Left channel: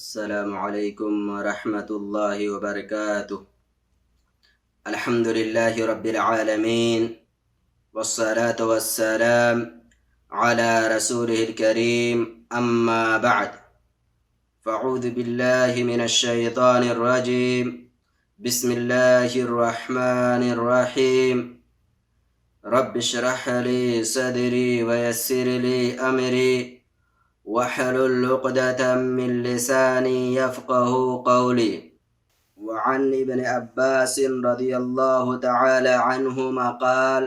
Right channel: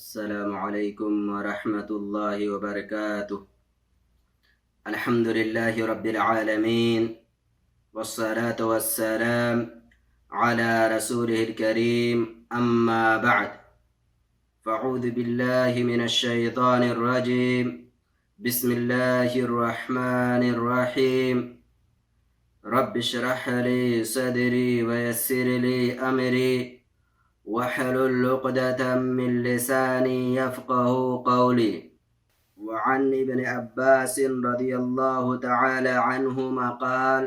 السلام علیکم ورحمۃ اللہ وبرکاتہ۔ الحمد للہ رب العالمین والصلاة والسلام على رسوله الكریم اما بعد فاعوذ باللہ من الشیطان الرجیم بسم اللہ الرحمن الرحیم رب اشرح لی صدری ویسر لی امری وحلل عقدة من لساني يفقه قولي۔ وعن ابن عباس رضي الله تعالى عنهما قال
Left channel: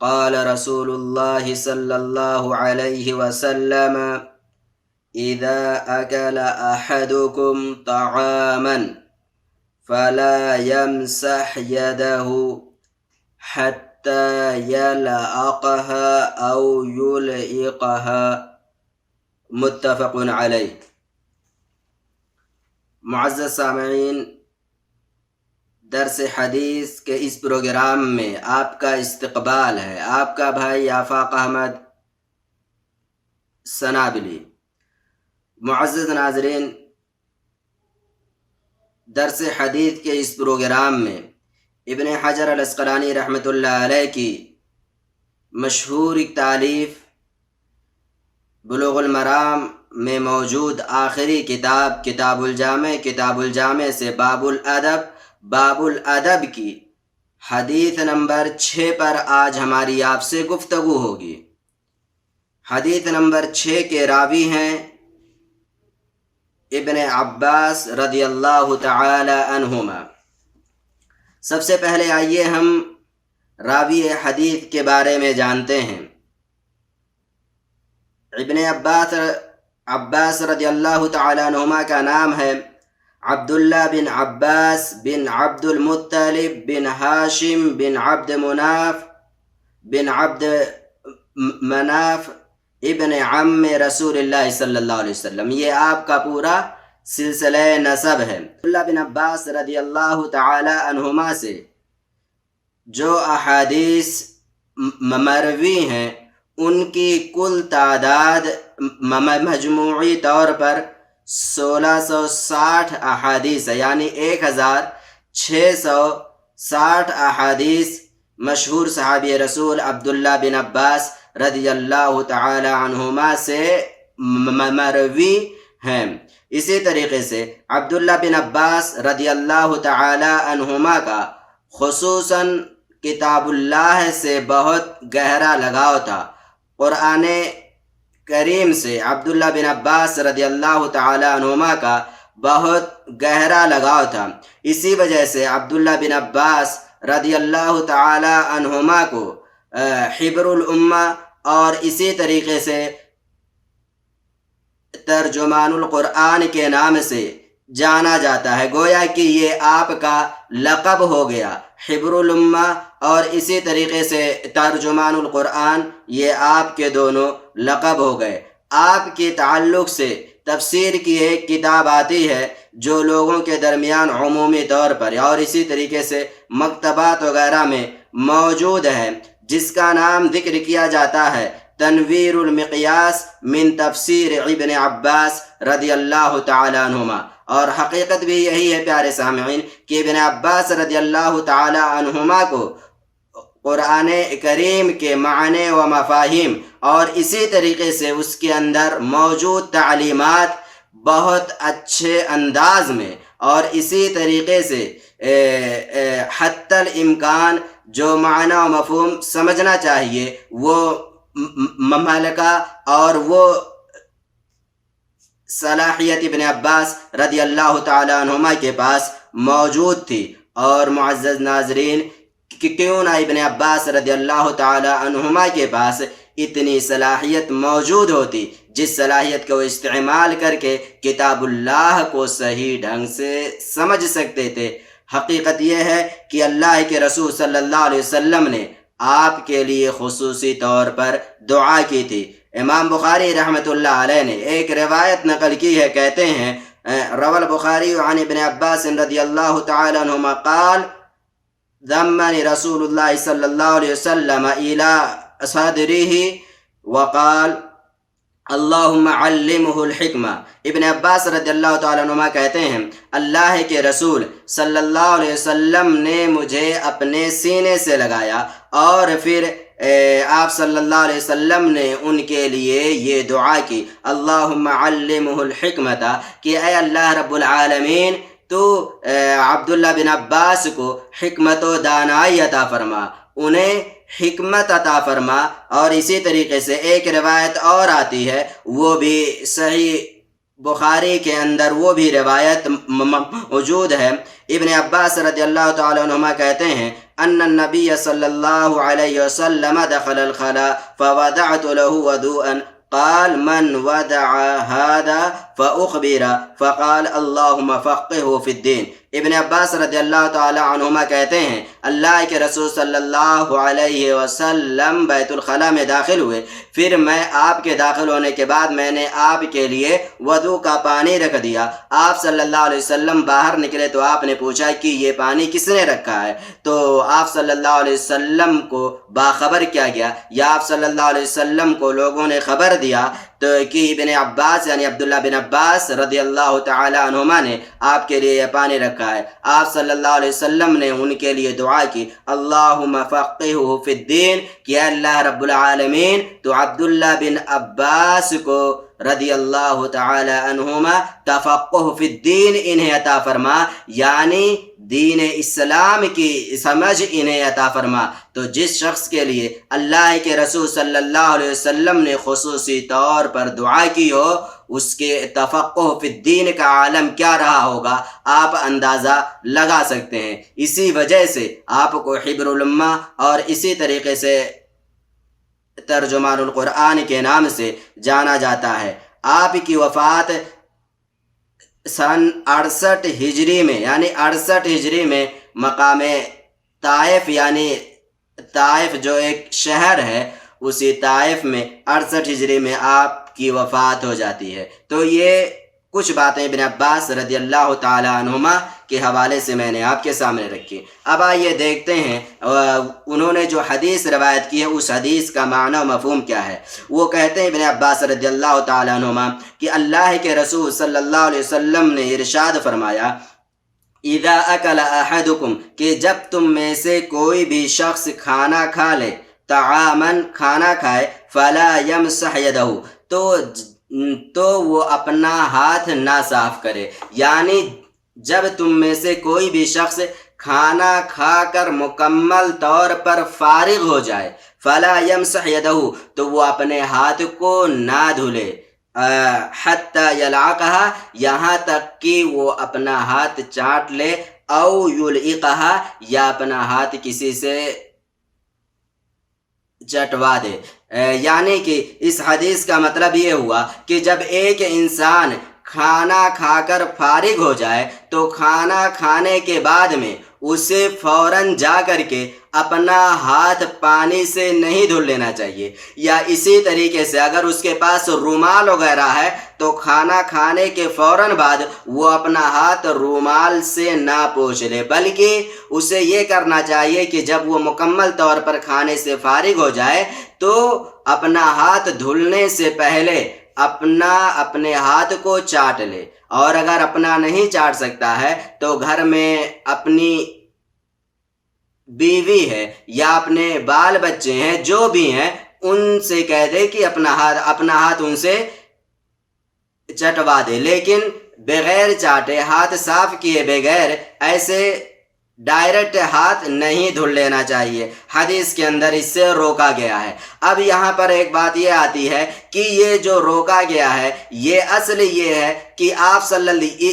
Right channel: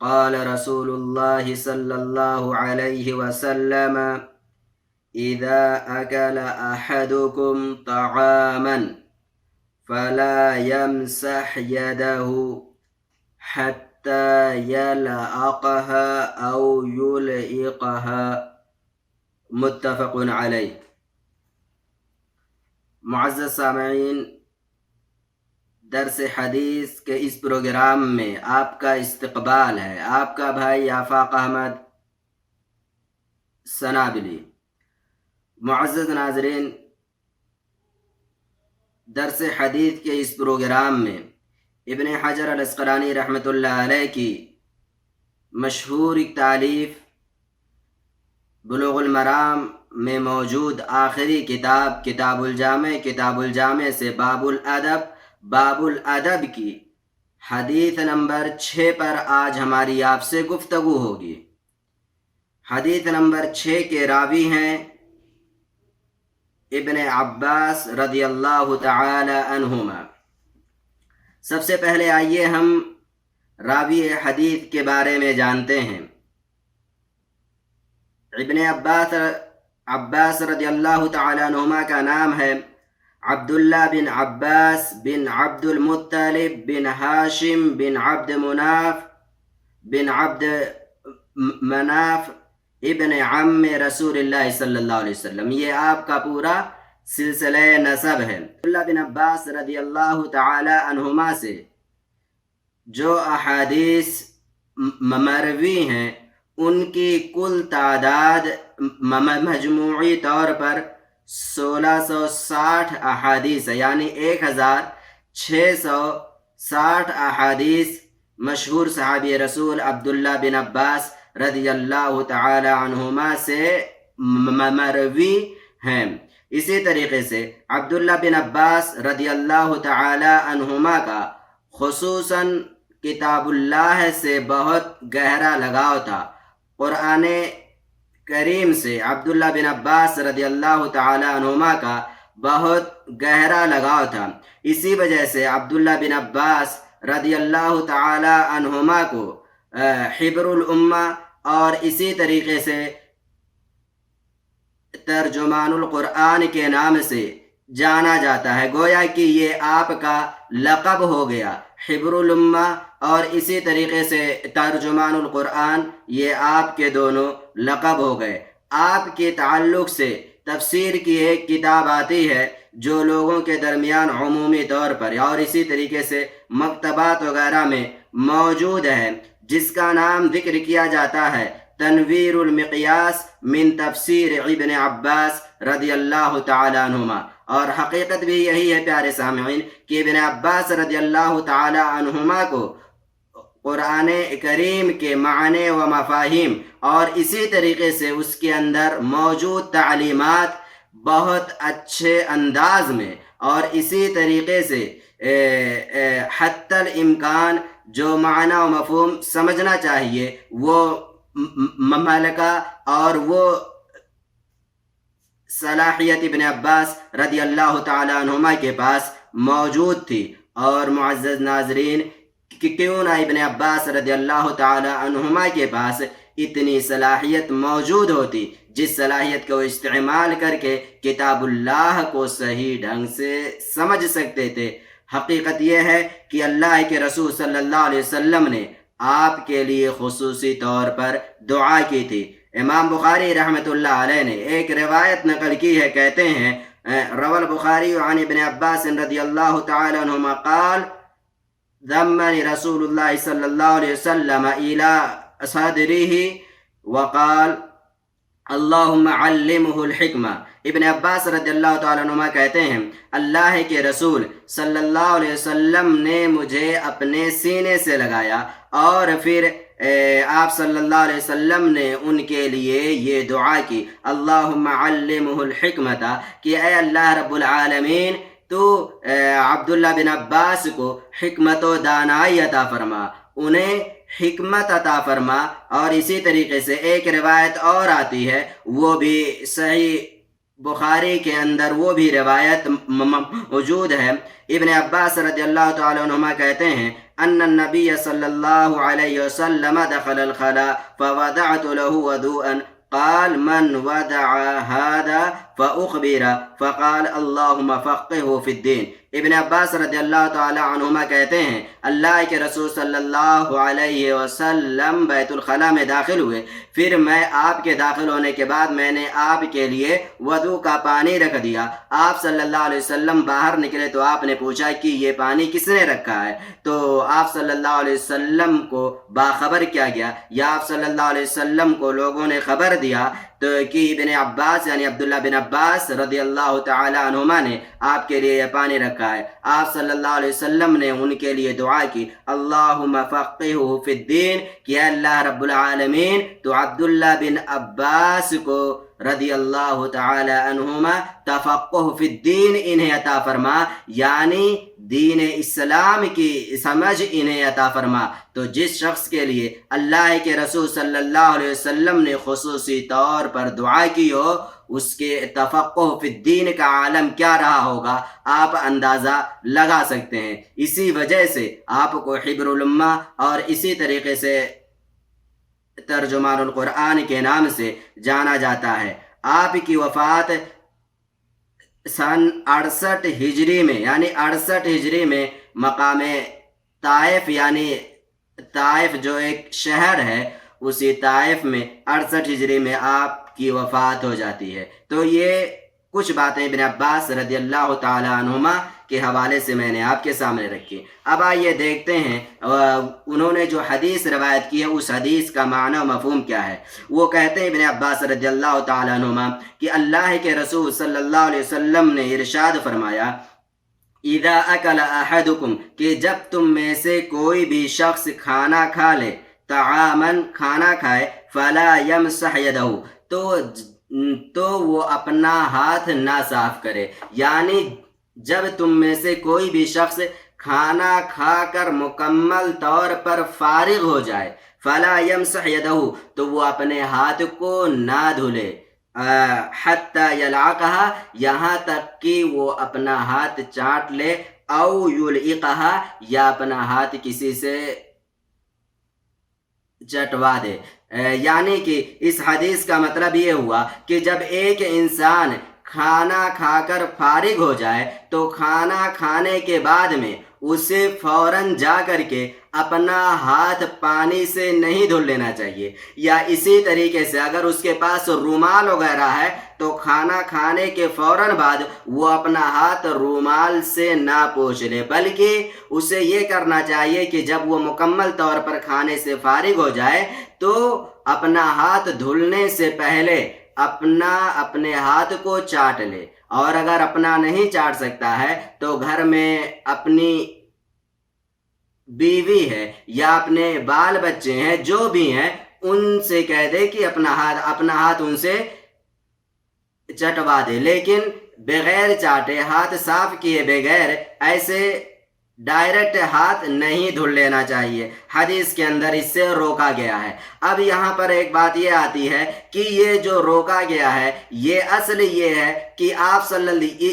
قال رسول الله صلى الله عليه وسلم إذا أكل أحدكم طعاما فلا يمسح يده حتى يلعقها أو يلعقها، متفق علیہ۔ معزز سامعین، درس حدیث کے اس پروگرام میں آپ کا استقبال ہے۔ آپ کا بھائی آفاق احمد سنابلی۔ معزز ناظرین، درس حدیث کے اس پروگرام میں ابن حجر العسقلانی رحمۃ اللہ علیہ کی مشہور تالیف بلوغ المرام میں موجود آخری کتاب کتاب الجامع سے باب الادب کی حدیث نمبر 6 پر آج ہماری آپ سے گفتگو ہوگی۔ حدیث نمبر 6 کے راوی ہیں ابن عباس رضی اللہ تعالی عنہما۔ سب سے پہلے آئیے ہم راوی حدیث کے بارے میں جانتے ہیں۔ ابن عباس رضی اللہ تعالی عنہما کا نام ہے عبداللہ بن عباس بن عبد المطلب بن ہاشم بن عبد مناف ابن عم رسول اللہ صلی اللہ علیہ وسلم۔ یہ آپ کا پورا سلسلہ نسب ہے۔ عبداللہ بن عباس رضی اللہ تعالی عنہما سے جو احادیث مروی ہیں ان کی کل تعداد مجموعی طور پر 1660 احادیث ہے، یعنی 1660 احادیث مشہور صحابی رسول عبداللہ بن عباس رضی اللہ تعالی عنہما سے مروی ہیں۔ اسی طریقے سے عبداللہ بن عباس رضی اللہ تعالی عنہما کا خصوصاً کتاب اللہ سے بہت گہرا لگاؤ تھا۔ قرآن کریم سے عبداللہ بن عباس رضی اللہ تعالی عنہما کا بہت گہرا لگاؤ تھا۔ اسی وجہ سے عبداللہ بن عباس رضی اللہ تعالی عنہما کو حبر الامہ اور اسی طریقے سے ترجمان القرآن کے نام سے جانا جاتا ہے، گویا کہ یہ آپ کا لقب ہو گیا۔ حبر الامہ اور اسی طریقے سے ترجمان القرآن، یہ آپ کے دونوں لقب ہو گئے۔ آپ کے تعلق سے تفسیر کی ایک کتاب آتی ہے جو لوگوں کے درمیان عمومی طور پر اور اسی طریقے سے مکتبات وغیرہ میں موجود ہے، جس کا نام ذکر کیا جاتا ہے تنویر المقیاس من تفسیر ابن عباس رضی اللہ تعالی عنہما۔ اور حقیقت بھی یہی ہے پیارے سامعین کہ ابن عباس رضی اللہ تعالی عنہما کو قرآن کریم کے معنی و مفاہیم اور اسی طریقے سے اس کے اندر موجود تعلیمات بہت اچھے انداز میں اور اسی طریقے سے حتی الامکان جو معنی و مفہوم سمجھنا چاہیے وہ مملکہ اور وہ صلاحیت ابن عباس رضی اللہ تعالی عنہما کے پاس موجود تھی۔ اور معزز ناظرین، کہ کیوں نہ ابن عباس رضی اللہ تعالی عنہما کے پاس اتنی صلاحیت موجود ہوتی جس صلاحیت کو استعمال کر کے کتاب اللہ کو صحیح ڈھنگ سے سمجھ سکتے تھے۔ حقیقت یہ ہے کہ اللہ کے رسول صلی اللہ علیہ وسلم نے آپ کے لیے خصوصی طور پر دعا کی تھی۔ امام بخاری رحمۃ اللہ علیہ نے ایک روایت نقل کی ہے، کہتے ہیں روى البخاری عن ابن عباس رضی اللہ تعالی عنہما قال ضمني رسول الله صلى الله عليه وسلم إلى صدره وقال اللہم علمہ الحکمہ۔ ابن عباس رضی اللہ تعالیٰ عنہما کہتے ہیں اللہ کے رسول صلی اللہ علیہ وسلم نے مجھے اپنے سینے سے لگایا اور پھر آپ صلی اللہ علیہ وسلم نے ان کے لیے یہ دعا کی اللہم علمہ الحکمۃ کہ اے اللہ رب العالمین تو عبداللہ بن عباس کو حکمت و دانائی عطا فرما، انہیں حکمت عطا فرما۔ اور اسی طریقے سے ایک روایت اور آتی ہے، وہ بھی صحیح بخاری کے اندر وہ بھی روایت موجود ہے۔ ابن عباس رضی اللہ تعالی عنہما کہتے ہیں ان النبی صلی اللہ علیہ وسلم دخل الخلاء فوضعت له وضوءا قال من وضع هذا فأخبر فقال اللهم فقهه في الدين۔ ابن عباس رضی اللہ تعالی عنہما کہتے ہیں اللہ کے رسول صلی اللہ علیہ وسلم بیت الخلاء میں داخل ہوئے، پھر میں آپ کے داخل ہونے کے بعد میں نے آپ کے لیے وضو کا پانی رکھ دیا۔ آپ صلی اللہ علیہ وسلم باہر نکلے تو آپ نے پوچھا کہ یہ پانی کس نے رکھا ہے، تو آپ صلی اللہ علیہ وسلم کو باخبر کیا گیا یا آپ صلی اللہ علیہ وسلم کو لوگوں نے خبر دیا تو کہ ابن عباس یعنی عبداللہ بن عباس رضی اللہ تعالی عنہما نے آپ کے لیے یہ پانی رکھا ہے۔ آپ صلی اللہ علیہ وسلم نے ان کے لیے دعا کی اللہم فقہہ فی الدین کہ اللہ رب العالمین تو عبداللہ بن عباس کو رضی اللہ تعالی عنہما تفقہ فی الدین انہیں عطا فرما، یعنی دین اسلام کی سمجھ انہیں عطا فرما۔ تو جس شخص کے لیے اللہ کے رسول صلی اللہ علیہ وسلم نے خصوصی طور پر دعا کی ہو، اس کے تفقہ فی الدین کا عالم کیا رہا ہوگا آپ اندازہ لگا سکتے ہیں۔ اسی وجہ سے آپ کو حبر الامہ اور اسی طریقے سے ترجمان القرآن کے نام سے جانا جاتا ہے۔ آپ کی وفات سن 68 ہجری میں یعنی 68 ہجری میں مقام طائف یعنی طائف جو ایک شہر ہے اسی طائف میں 68 ہجری میں آپ کی وفات ہو جاتی ہے۔ تو یہ کچھ باتیں ابن عباس رضی اللہ تعالی عنہما کے حوالے سے میں نے آپ کے سامنے رکھی۔ اب آئیے دیکھتے ہیں انہوں نے جو حدیث روایت کی ہے اس حدیث کا معنی و مفہوم کیا ہے۔ وہ کہتے ہیں ابن عباس رضی اللہ تعالی عنہما کہ اللہ کے رسول صلی اللہ علیہ وسلم نے ارشاد فرمایا اذا اکل احدکم کہ جب تم میں سے کوئی بھی شخص کھانا کھا لے، طعامن کھانا کھائے، فلا یمسح یدہ تو وہ اپنا ہاتھ نہ صاف کرے، یعنی جب تم میں سے کوئی بھی شخص کھانا کھا کر مکمل طور پر فارغ ہو جائے، فلا یمسح یدہ تو وہ اپنے ہاتھ کو نہ دھلے، حتی یلعقہا یہاں تک کہ وہ اپنا ہاتھ چاٹ لے، او یلعقہا یا اپنا ہاتھ کسی سے چٹوا دے۔ یعنی کہ اس حدیث کا مطلب یہ ہوا کہ جب ایک انسان کھانا کھا کر فارغ ہو جائے تو کھانا کھانے کے بعد میں اسے فوراً جا کر کے اپنا ہاتھ پانی سے نہیں دھل لینا چاہیے، یا اسی طریقے سے اگر اس کے پاس رومال وغیرہ ہے تو کھانا کھانے کے فوراً بعد وہ اپنا ہاتھ رومال سے نہ پوچھ لے، بلکہ اسے یہ کرنا چاہیے کہ جب وہ مکمل طور پر کھانے سے فارغ ہو جائے تو اپنا ہاتھ دھلنے سے پہلے اپنے ہاتھ کو چاٹ لے، اور اگر اپنا نہیں چاٹ سکتا ہے تو گھر میں اپنی بیوی ہے یا اپنے بال بچے ہیں جو بھی ہیں ان سے کہہ دے کہ اپنا ہاتھ ان سے چٹوا دے، لیکن بغیر چاٹے ہاتھ صاف کیے بغیر ایسے ڈائریکٹ ہاتھ نہیں دھل لینا چاہیے۔ حدیث کے اندر اس سے روکا گیا ہے۔ اب یہاں پر ایک بات یہ آتی ہے کہ یہ جو روکا گیا ہے یہ اصل یہ ہے کہ آپ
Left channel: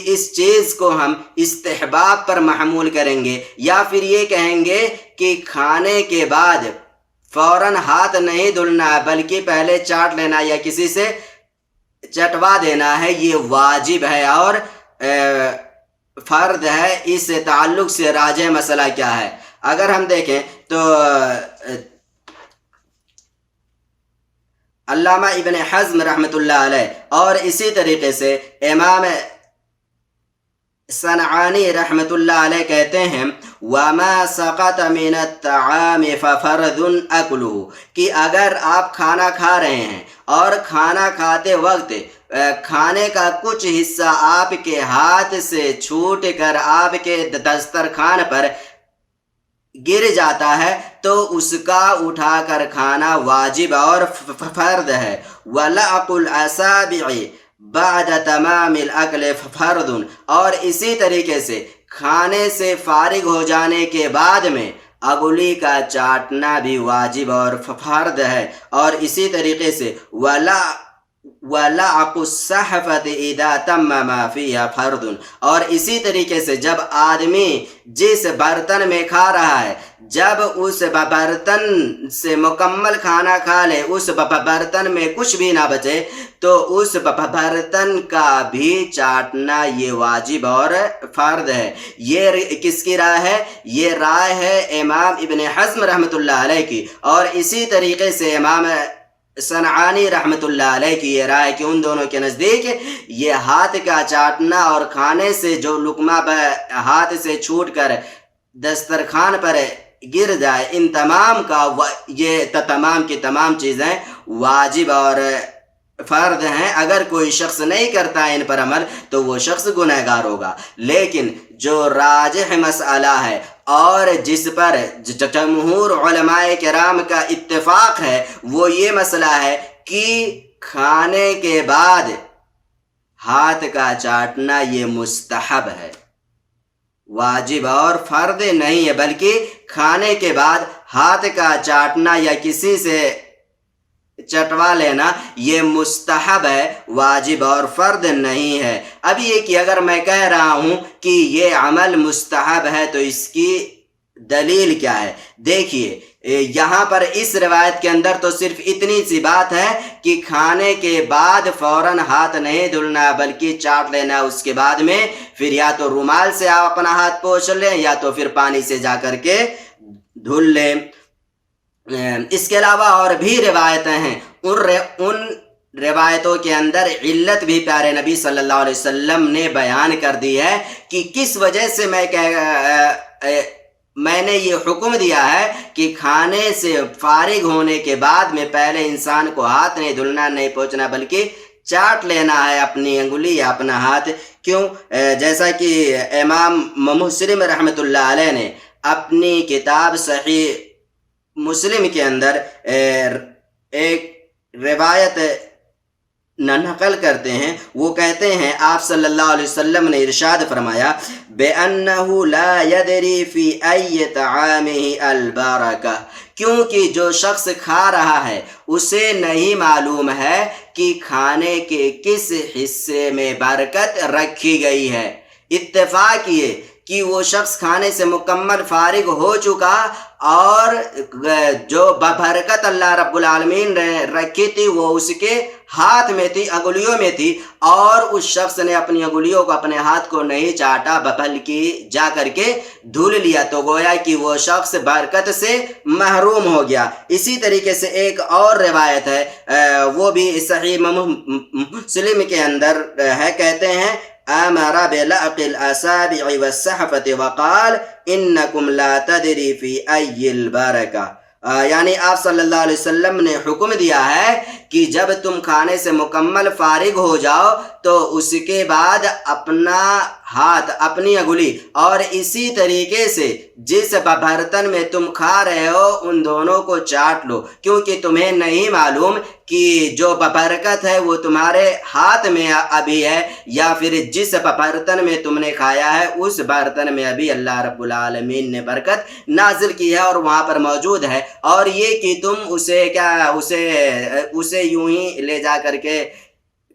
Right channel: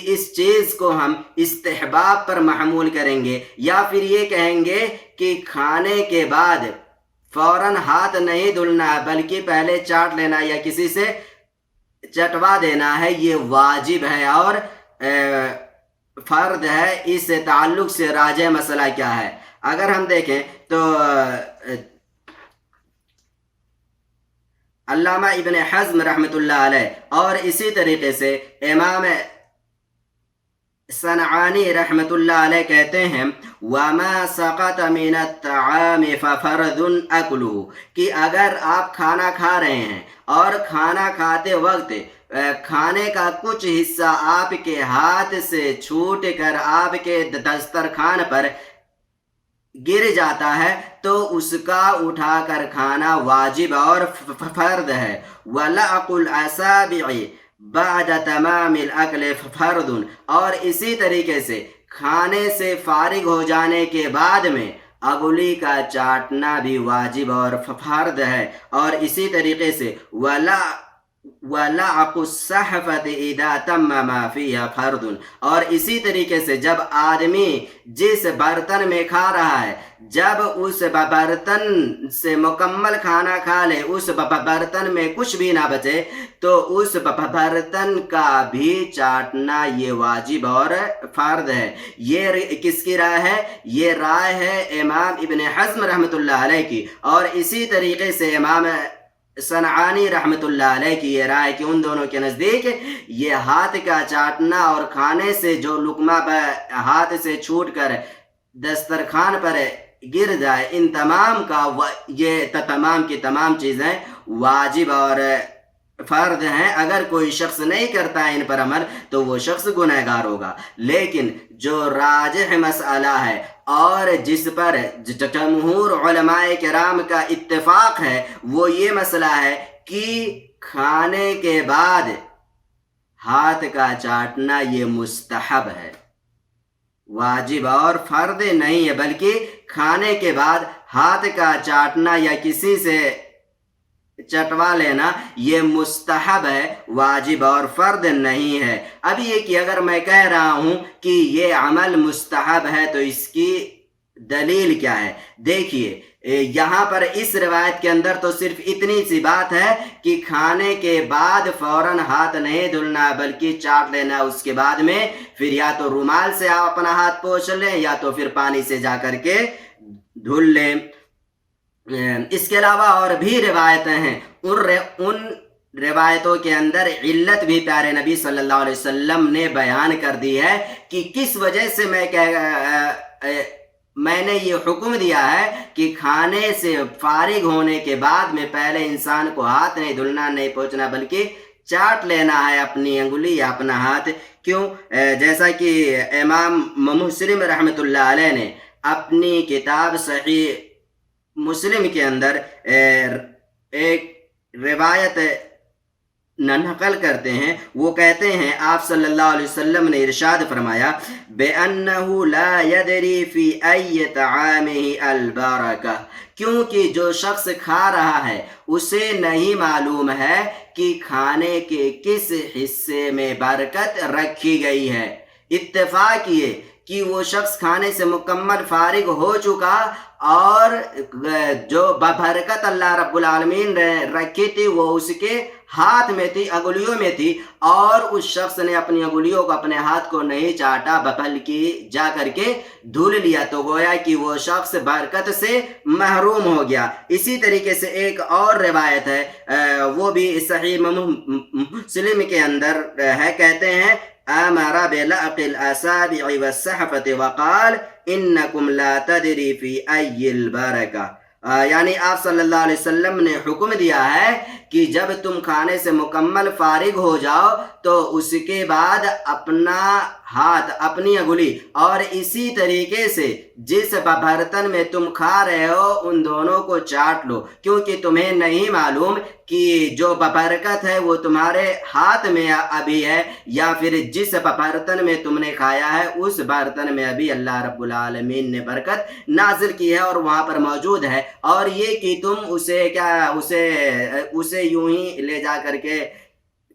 اس چیز کو ہم استحباب پر محمول کریں گے، یا پھر یہ کہیں گے کہ کھانے کے بعد فوراً ہاتھ نہیں دھلنا ہے بلکہ پہلے چاٹ لینا یا کسی سے چٹوا دینا ہے، یہ واجب ہے اور فرض ہے۔ اس سے تعلق سے راجح مسئلہ کیا ہے؟ اگر ہم دیکھیں تو علامہ ابن حزم رحمۃ اللہ علیہ اور اسی طریقے سے امام صنعانی رحمۃ اللہ علیہ کہتے ہیں وما سقط من الطعام ففرض اکلہ، کہ اگر آپ کھانا کھا رہے ہیں اور کھانا کھاتے وقت کھانے کا کچھ حصہ آپ کے ہاتھ سے چھوٹ کر آپ کے دسترخوان پر گر جاتا ہے تو اس کا اٹھا کر کھانا واجب اور فرض ہے۔ وَلَعْقُ الْأَصَابِعِ بعد تمام الاکل فرض، اور اسی طریقے سے کھانے سے فارغ ہو جانے کے بعد میں انگلی کا چاٹنا بھی واجب اور فرض ہے۔ اور اسی طریقے سے وَلَعْقُ الصَّحْفَةِ اِذَا تَمَّ مَا فِيهَا فرض، اور اسی طریقے سے جب آدمی جس برتن میں کھا رہا ہے جب اس برتن سے مکمل کھانا کھا لے، اس برتن میں کچھ بھی نہ بچے، تو اس برتن کا بھی چاٹنا یہ واجب اور فرض ہے۔ یہ کس کی رائے ہے؟ یہ رائے ہے امام ابن حزم رحمۃ اللہ علیہ کی، اور اسی طریقے سے امام صنعانی رحمۃ اللہ علیہ کی یہ رائے کہ ان دونوں کے نزدیک یہ ہاتھ کا چاٹنا اور کھانے سے جو لقمہ ہاتھ سے چھوٹ کر دسترخوان پر گر جائے، ان تمام کا یہ تمام کی تمام چیزیں واجب اور فرض ہیں۔ اگر کوئی شخص نہیں کرتا ان پر عمل تو وہ شخص گنہگار ہوگا۔ لیکن جو راجح مسئلہ ہے اور جس پر جمہور علماء کرام کا اتفاق ہے وہ یہ مسئلہ ہے کہ کھانے کے بعد ہاتھ کا چاٹنا یہ مستحب ہے، واجب اور فرض نہیں ہے، بلکہ کھانے کے بعد ہاتھ کا چاٹنا یا کسی سے چٹوا لینا یہ مستحب ہے، واجب اور فرض نہیں ہے۔ اب یہ کہ اگر میں کہہ رہا ہوں کہ یہ عمل مستحب ہے تو اس کی دلیل کیا ہے؟ دیکھیے یہاں پر اس روایت کے اندر تو صرف اتنی سی بات ہے کہ کھانے کے بعد فوراً ہاتھ نہیں دھلنا بلکہ چاٹ لینا، اس کے بعد میں پھر یا تو رومال سے آپ اپنا ہاتھ پوچھ لیں یا تو پھر پانی سے جا کر کے دھل لیں۔ اس کے علاوہ اور بھی روایتیں ہیں، ان روایتوں کے اندر علت بھی پیارے نبی صلی اللہ علیہ وسلم نے بیان کر دی ہے کہ کس وجہ سے میں نے یہ حکم دیا ہے کہ کھانے سے فارغ ہونے کے بعد میں پہلے انسان کو ہاتھ نہیں دھلنا نہیں پوچھنا بلکہ چاٹ لینا ہے اپنی انگلی یا اپنا ہاتھ۔ کیوں؟ جیسا کہ امام مسلم رحمۃ اللہ علیہ نے اپنی کتاب صحیح مسلم کے اندر ایک روایت نقل کرتے ہیں، وہ کہتے ہیں آپ صلی اللہ علیہ وسلم نے ارشاد فرمایا بِأَنَّهُ لَا يَدْرِي فِي أَيِّ طَعَامِهِ الْبَرَكَةُ، کیونکہ جو شخص کھا رہا ہے اسے نہیں معلوم ہے کہ کھانے کے کس حصے میں برکت رکھی گئی ہے۔ اتفاق یہ کہ وہ شخص کھانے سے مکمل فارغ ہو چکا اور جو برکت اللہ رب العالمین نے رکھی تھی وہ اس کے ہاتھ میں تھی، انگلیوں میں تھی، اور اس شخص نے اپنی انگلیوں کو اپنے ہاتھ کو نہیں چاٹا بلکہ جا کر کے دھل لیا، تو گویا کہ وہ شخص برکت سے محروم ہو گیا۔ اسی طریقے سے ایک اور روایت ہے، وہ بھی صحیح مسلم کے اندر ہے، کہتے ہیں امر بلعق الاصابع والصحفة وقال انکم لا تدری فی ای البرکہ، یعنی آپ صلی اللہ علیہ وسلم نے حکم دیا ہے کہ جب تم کھانے سے مکمل فارغ ہو جاؤ تو اس کے بعد اپنا ہاتھ اپنی انگلی اور اسی طریقے سے جس برتن میں تم کھا رہے ہو ان دونوں کو چاٹ لو، کیونکہ تمہیں نہیں معلوم کہ جو برکت ہے وہ تمہارے ہاتھ میں ابھی ہے یا پھر جس برتن میں تم نے کھایا ہے اس برتن میں ابھی اللہ رب العالمین نے برکت نازل کی ہے اور وہاں پر موجود ہے، اور یہ کہ تم اسے یوں ہی لے جا کر کے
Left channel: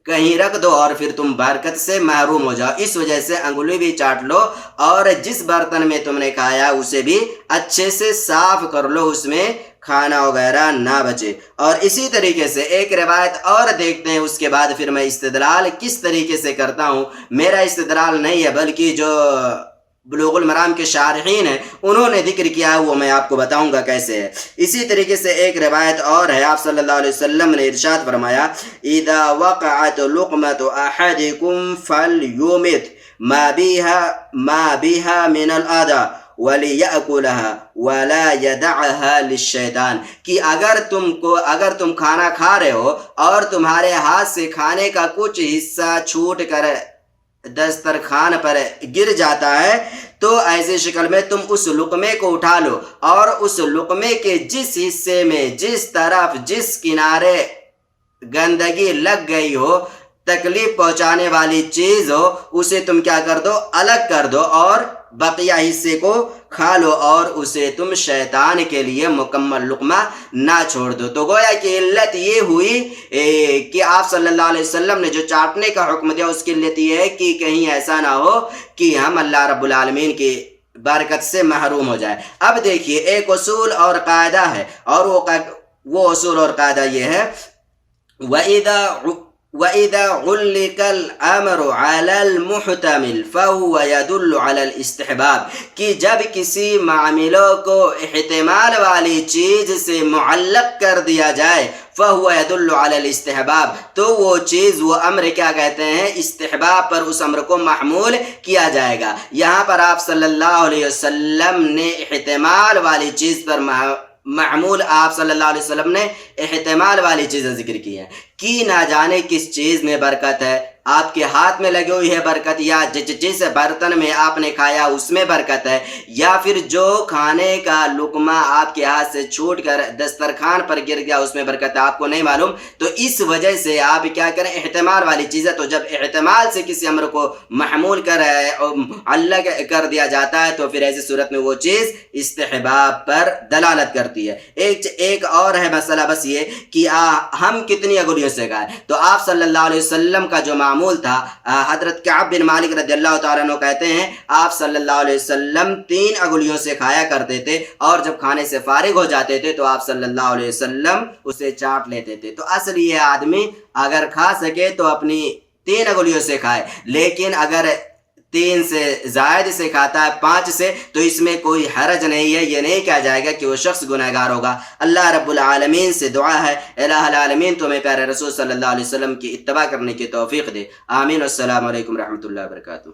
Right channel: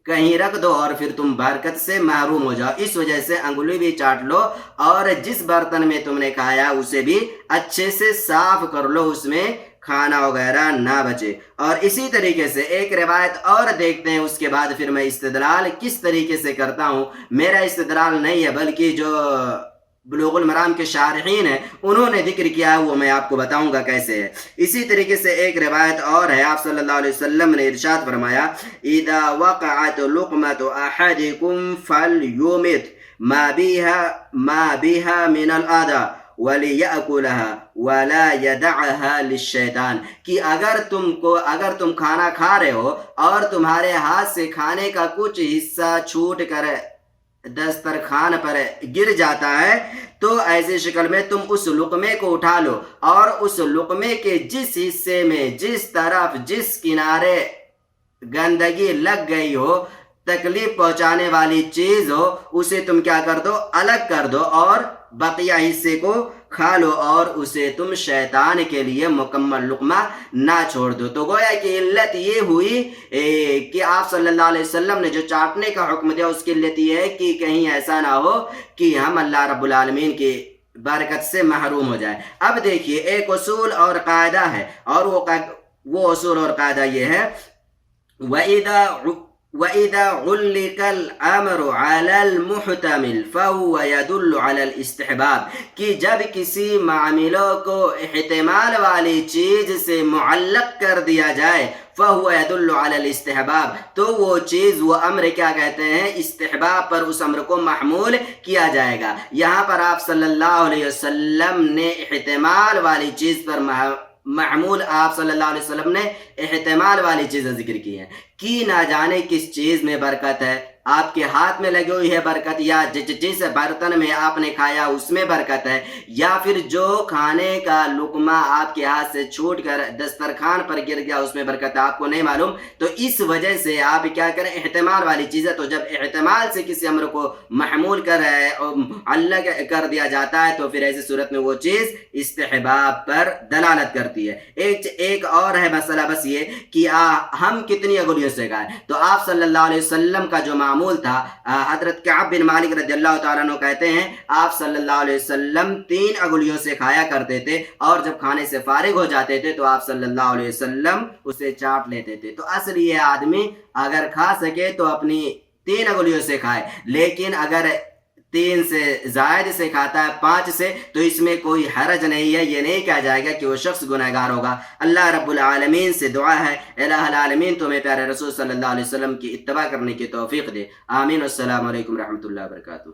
کہیں رکھ دو اور پھر تم برکت سے محروم ہو جاؤ۔ اس وجہ سے انگلی بھی چاٹ لو اور جس برتن میں تم نے کھایا اسے بھی اچھے سے صاف کر لو، اس میں کھانا وغیرہ نہ بچے۔ اور اسی طریقے سے ایک روایت اور دیکھتے ہیں، اس کے بعد پھر میں استدلال کس طریقے سے کرتا ہوں۔ میرا استدلال نہیں ہے بلکہ جو بلوغ المرام کے شارحین ہیں انہوں نے ذکر کیا ہے، وہ میں آپ کو بتاؤں گا کیسے ہے۔ اسی طریقے سے ایک روایت اور ہے، آپ صلی اللہ علیہ وسلم نے ارشاد فرمایا اذا وقعت لقمۃ احدکم فلیمت ما بها من الاذى وَلِيَأْكُلَهَا وَلَا يَدَعَهَا لِلشَّيْطَانِ، کہ اگر تم کھانا کھا رہے ہو اور تمہارے ہاتھ سے کھانے کا کچھ حصہ چھوٹ کر دسترخوان پر گر جاتا ہے تو ایسی شکل میں تم اس لقمے کو اٹھا لو، اور اس لقمے کے جس حصے میں جس طرف جس کنارے گندگی لگ گئی ہو، تکلیف پہنچانے والی چیز ہو، اسے تم کیا کر دو، الگ کر دو اور بقیہ حصے کو کھا لو، اور اسے تم شیطان کے لیے مکمل لقمہ نہ چھوڑ دو۔ تو گویا کہ علت یہ ہوئی کہ آپ صلی اللہ علیہ وسلم نے جو چاٹنے کا حکم دیا اس کی علت یہ ہے کہ کہیں ایسا نہ ہو کہ ہم اللہ رب العالمین کی برکت سے محروم ہو جائے۔ اب دیکھیے ایک اصول اور قاعدہ ہے، اور وہ اصول اور قاعدہ یہ ہے وَإِذَا عُلِّقَ الْأَمْرُ عَلَى الْمُحْتَمِلِ فَهُوَ يَدُلُّ عَلَى الْإِسْتِحْبَابِ، کہ جب کسی معاملوں کو احتمال والی چیز سے معلق کر دیا جائے فَهُوَ يَدُلُّ عَلَى الْإِسْتِحْبَابِ، تو وہ چیز وہ امر کیا کہتے ہیں، استحباب پر اس امر کو محمول کیا جائے گا۔ یہاں پر آپ صلی اللہ علیہ وسلم نے احتمال والی چیز پر معمول آپ صلی اللہ علیہ وسلم نے احتمال والی چیزیں ذکر کی ہیں، کہ نہ جانے کس چیز میں برکت ہے، آپ کے ہاتھ میں لگی ہوئی ہے برکت، یا جس برتن میں آپ نے کھایا اس میں برکت ہے، یا پھر جو کھانے کا لقمہ آپ کے ہاتھ سے چھوٹ کر دسترخوان پر گر گیا اس میں برکت ہے، آپ کو نہیں معلوم، تو اس وجہ سے آپ کیا کریں، احتمال والی چیزیں، تو جب احتمال سے کسی امر کو محمول الگ کر دیا جاتا ہے تو پھر ایسی صورت میں وہ چیز استحباب پر دلالت کرتی ہے۔ ایک اور ہے مسئلہ بس یہ کہ ہم کتنی انگلیوں سے کھائیں، تو آپ صلی اللہ علیہ وسلم کا جو معمول تھا، حضرت کعب بن مالک رضی اللہ تعالیٰ عنہ کہتے ہیں آپ صلی اللہ علیہ وسلم 3 انگلیوں سے کھایا کرتے تھے، اور جب کھانے سے فارغ ہو جاتے تھے تو آپ صلی اللہ علیہ وسلم اسے چاٹ لیتے تھے۔ تو اصل یہ آدمی اگر کھا سکے تو اپنی 3 انگلیوں سے کھائے، لیکن اگر 3 سے زائد سے کھاتا ہے، 5 سے، تو اس میں کوئی حرج نہیں ہے، یہ نہیں کہا جائے گا کہ وہ شخص گنہگار ہوگا۔ اللہ رب العالمین سے دعا ہے الہ العالمین تمہیں پیارے رسول صلی اللہ علیہ وسلم کی اتباع کرنے کی توفیق دے، آمین۔ السلام علیکم رحمۃ اللہ وبرکاتہ۔